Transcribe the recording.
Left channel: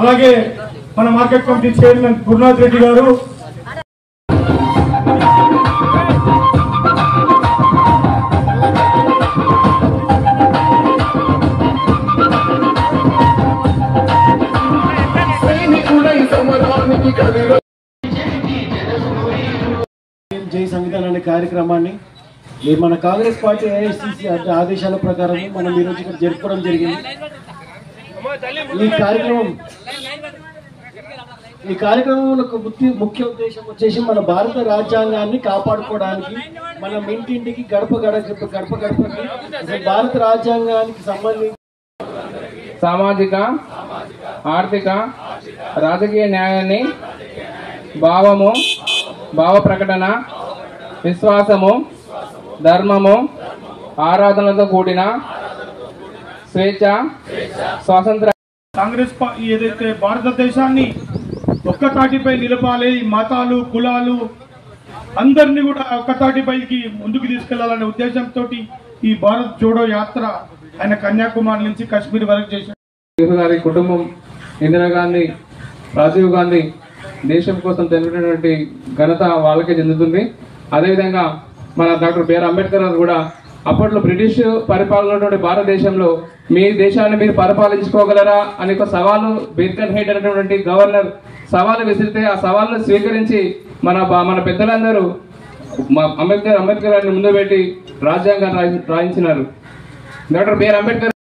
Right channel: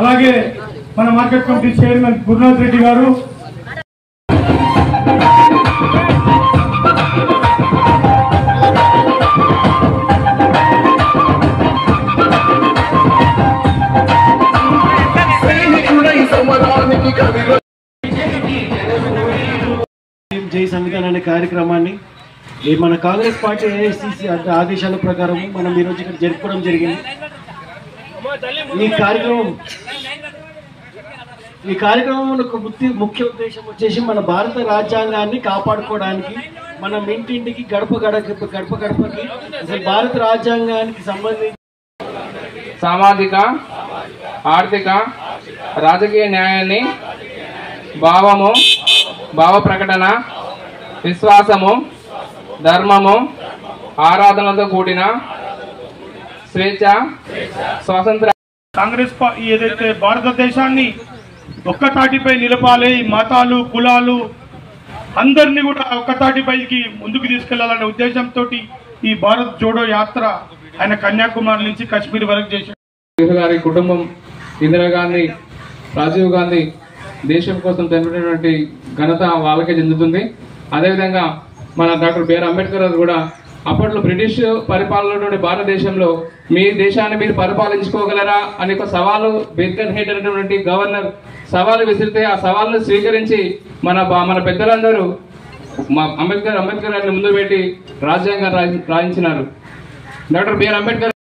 అలాగే మన market committee chairman Gurunath Reddy గారు, జై సంవిధాన్ అనే కార్యక్రమాన్ని మన కాంగ్రెస్ పార్టీ ఏఐసిసి ఆదేశాల ప్రకారం మనం ఈరోజు ఇక్కడ జరుపుకోవడం జరిగింది. ఈ కార్యక్రమం ముఖ్య ఉద్దేశం వచ్చేసి మన భారత రాజ్యాంగాన్ని కాపాడుకోవడానికి, మనం ఇంటింటికి గడప గడపకి భారత రాజ్యాంగానికి సంబంధించి సామాజిక, ఆర్థిక, రాజకీయ న్యాయాన్ని భావ ప్రకటన, విశ్వాసము, ధర్మము, ఆరాధనలతో కూడిన స్వేచ్ఛ, స్వాతంత్ర కాంగ్రెస్ ఏదైతే భారతదేశాన్ని ఒక్కతాటిపై నిలపాలి, ఈ మతాలు, కులాలు అందరినీ కూడా ఒక్కతాటిపైకి ముందుకు తీసుకెళ్లాలనే ఉద్దేశంతో ఈ భారత్ జోడో యాత్ర ఆయన కన్యాకుమారి నుంచి కాశ్మీర్ వరకు చేశారు. గారి కుటుంబం, ఇందిరాగాంధీ, రాజీవ్ గాంధీ దేశం కోసం చనిపోయినటువంటి ఘనత వాళ్ళకే చెందుతుంది. అదేవిధంగా మన డాక్టర్ బిఆర్ అంబేద్కర్ గారు కూడా అప్పట్లో బ్రిటిష్ పరిపాలన భారతదేశంలో మీ దేశాన్ని మీరు పరిపాలించుకోగలరా అని ఒక సవాలు బేర్కర్ హెడ్ అనేటువంటి గవర్నర్ సవాలు విసిరితే ఆ సవాళ్ళను స్వీకరించి మన పెద్దలందరూ అంబేద్కర్ గారిని ముందు పెట్టి రాజ్యాంగం రాయించినారు. Doctor BR Ambedkar